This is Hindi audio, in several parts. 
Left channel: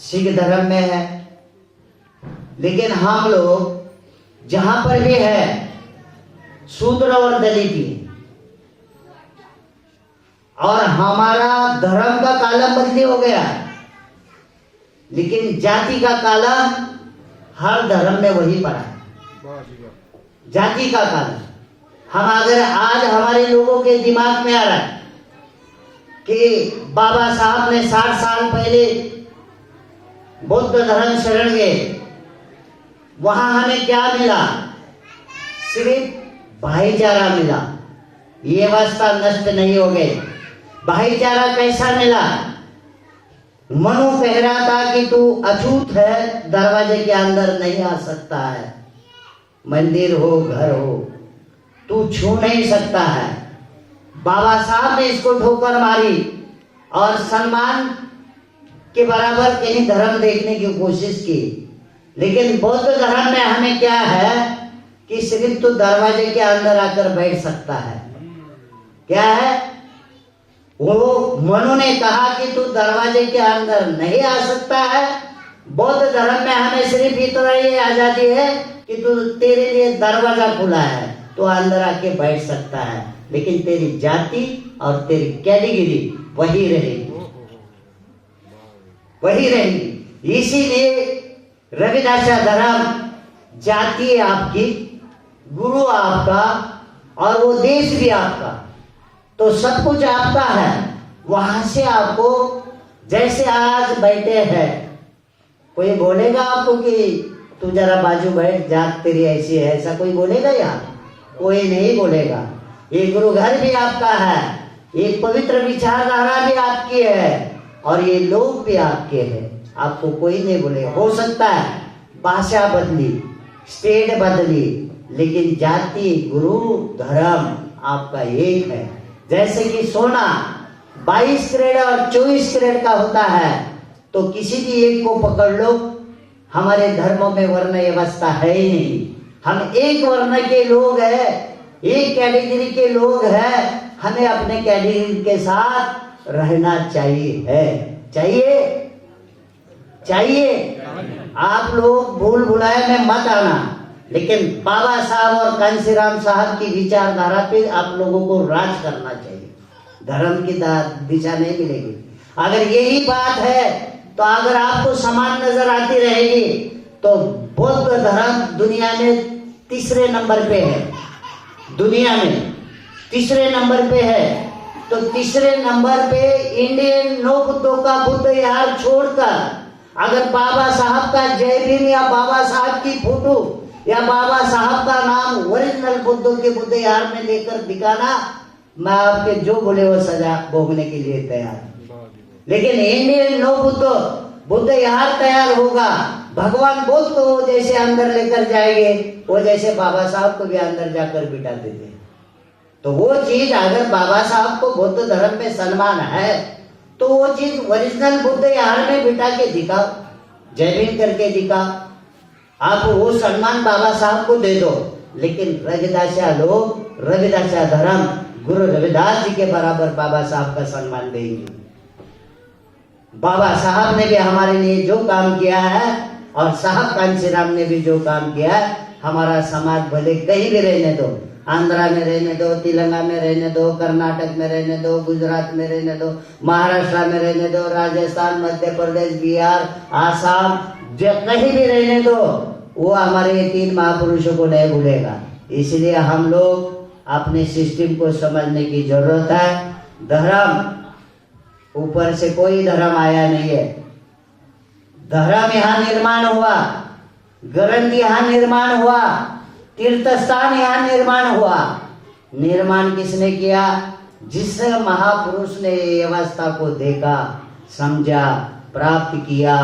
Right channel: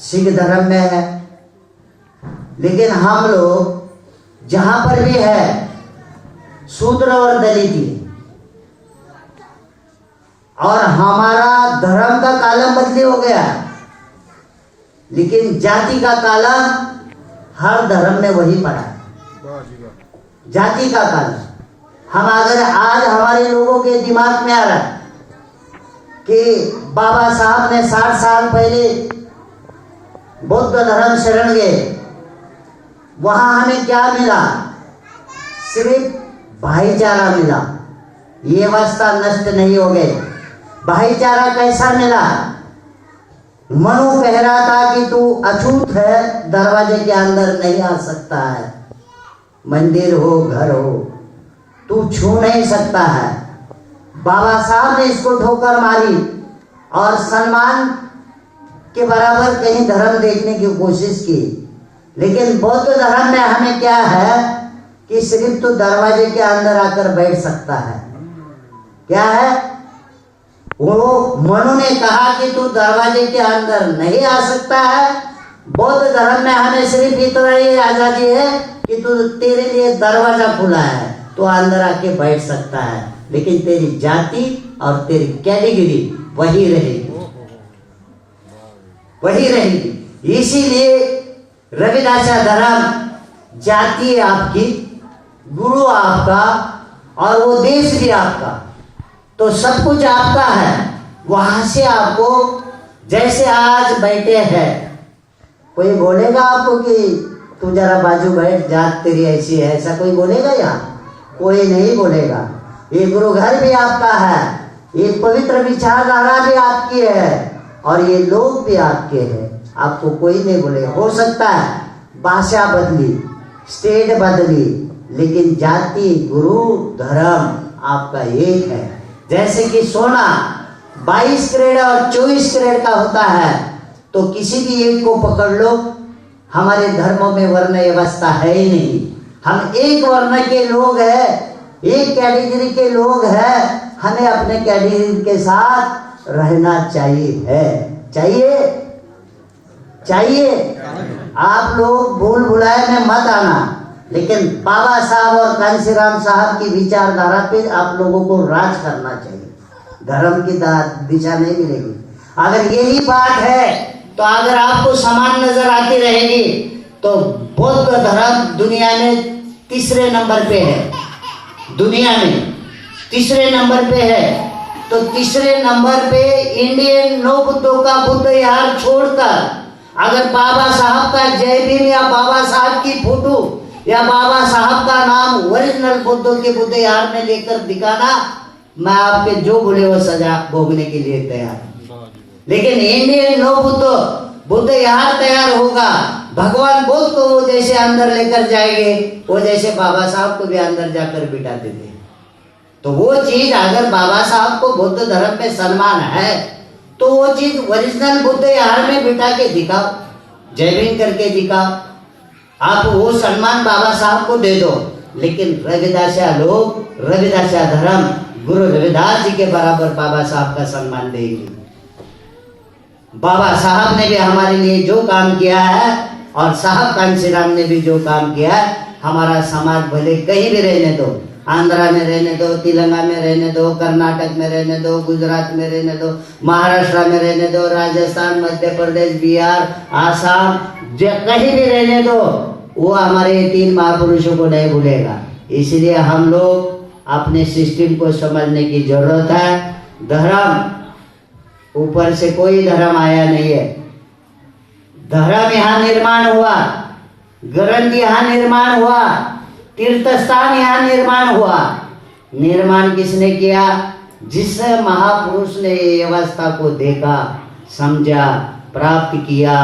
सिख धर्म में है, लेकिन हम लोग जहां पर भी है शूद्र और दलित ही, और हमारा धर्म का कालम बदली हो गया, लेकिन जाति का कालम हर धर्म में वही पड़ा है। जाति का कालम हम अगर आज हमारे लोगों के दिमाग में आ रहा है कि बाबा साहब ने 60 साल पहले बौद्ध धर्म शरण गए, वहां हमें क्या मिला? सिर्फ भाईचारा मिला। ये अवस्था नष्ट नहीं हो गई। भाईचारा कैसा मिला? मनु कह रहा था कि तू अछूत है, दरवाजे के अंदर नहीं आ सकता है, मंदिर हो घर हो तू छू नहीं सकता है। बाबा साहब ने इसको ठोकर मारी और सम्मान के बराबर कहीं धर्म देखने की कोशिश की, लेकिन बौद्ध धर्म में हमें क्या है कि सिर्फ तो दरवाजे के अंदर आकर बैठ सकता है। क्या है वो? मनु ने कहा कि तू दरवाजे के अंदर नहीं आ सकता है। बौद्ध धर्म में हमें सिर्फ इतना ही आजादी है कि तू तेरे लिए दरवाजा खुला है, तो अंदर आके बैठ सकता है, लेकिन तेरी जाति और तेरी कैटेगरी वही रहेगी, वही रहेगी। इसीलिए रविदासा धर्म जाति आपकी, गुरु आपका, और वो देश भी आपका, तो सब कुछ आपका है। वहां से आपको जैसे आज बैठे हैं, कोई बोलेगा आपको कि तू जरा बाजू बैठ, जात तेरी ऐसी है, ऐसा कोई बोलेगा? यहाँ कोई नहीं बोलेगा। ये गुरु घर भी आपका है, ये पवित्र विचारधारा भी आपकी है, और ये लोग भी आपके हैं। आपको कोई नहीं बोलेगा। हो सकता है भाषा बदली, स्टेट बदली, लेकिन जाति, गुरु, धर्म आपका एक है। जैसे कि सोना 22 कैरेट और 24 कैरेट का होता है, तो किसी भी एक को पकड़ लो। हमारे धर्मों में वर्ण व्यवस्था है ही नहीं। हम एक वर्ण के लोग हैं, एक कैटेगरी के लोग हैं। हमें अपने कैटेगरी के साथ रहना चाहिए। आप लोग भूल भुलाए में मत आना, लेकिन बाबा साहब और कांशीराम साहब की विचारधारा पे आप लोगों को राज करना चाहिए। धर्म की दिशा नहीं मिलेगी। अगर यही बात है तो अगर आपको समान नजर आती रहेगी, तो बौद्ध धर्म दुनिया में तीसरे नंबर पे है। दुनिया में तीसरे नंबर पे है, तो तीसरे नंबर पे इंडियन नौ बुद्धों का बुद्ध विहार छोड़कर अगर बाबा साहब का जय भीम या बाबा साहब की फोटो या बाबा साहब का नाम ओरिजिनल बुद्धों के बुद्ध विहार में लेकर दिखाना, मैं आपके जो बोले वो सजा भोगने के लिए तैयार हूं। लेकिन इंडियन नौ बुद्ध विहार तैयार होगा, भगवान बुद्ध को वो जैसे अंदर लेकर जाएंगे, वो जैसे बाबा साहब को भी अंदर जाकर बिठा देते। तो वो चीज अगर बाबा साहब को बौद्ध धर्म पे सम्मान है, तो वो चीज ओरिजिनल बुद्ध विहार में बिठा के दिखाओ, जय भीम करके दिखाओ। आप वो सम्मान बाबा साहब को दे दो। लेकिन रविदासा लोग, रविदासा धर्म गुरु रविदास जी के बराबर बाबा साहब का सम्मान देंगे। बाबा साहब ने भी हमारे लिए जो काम किया है, और साहब कांशीराम ने भी जो काम किया है, हमारा समाज भले कहीं भी रहने दो, आंध्रा में रहने दो, तेलंगाना में रहने दो, कर्नाटक में रहने दो, गुजरात में रहने दो, महाराष्ट्र में रहने दो, राजस्थान, मध्य प्रदेश, बिहार, आसाम, कहीं भी रहने दो, वो हमारे 3 महापुरुषों को नहीं भूलेगा। इसलिए हम लोग अपने सिस्टम को समझने की जरूरत है। धर्म ऊपर से कोई धर्म आया नहीं है। धर्म यहाँ निर्माण हुआ, ग्रंथ यहाँ निर्माण हुआ, तीर्थ स्थान यहाँ निर्माण हुआ। निर्माण किसने किया? जिस महापुरुष ने ये व्यवस्था को देखा, समझा, प्राप्त किया,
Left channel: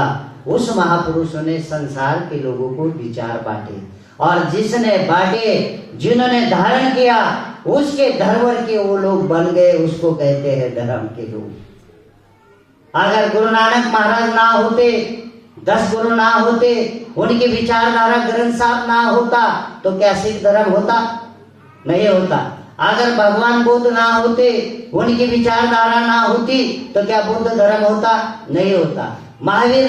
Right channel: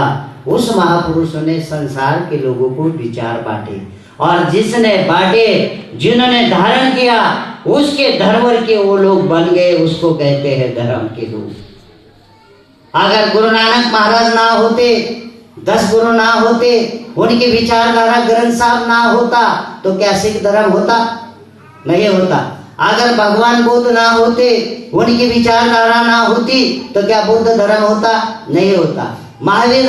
उस महापुरुष ने संसार के लोगों को विचार बांटे, और जिसने बांटे, जिन्होंने धारण किया, उसके धर्म के वो लोग बन गए, उसको कहते हैं धर्म के लोग। अगर गुरु नानक महाराज ना होते, 10 गुरु ना होते, उनकी विचारधारा ग्रंथ साहब ना होता, तो क्या सिख धर्म होता? नहीं होता। अगर भगवान बुद्ध ना होते, उनकी विचारधारा ना होती, तो क्या बौद्ध धर्म होता? नहीं होता। महावीर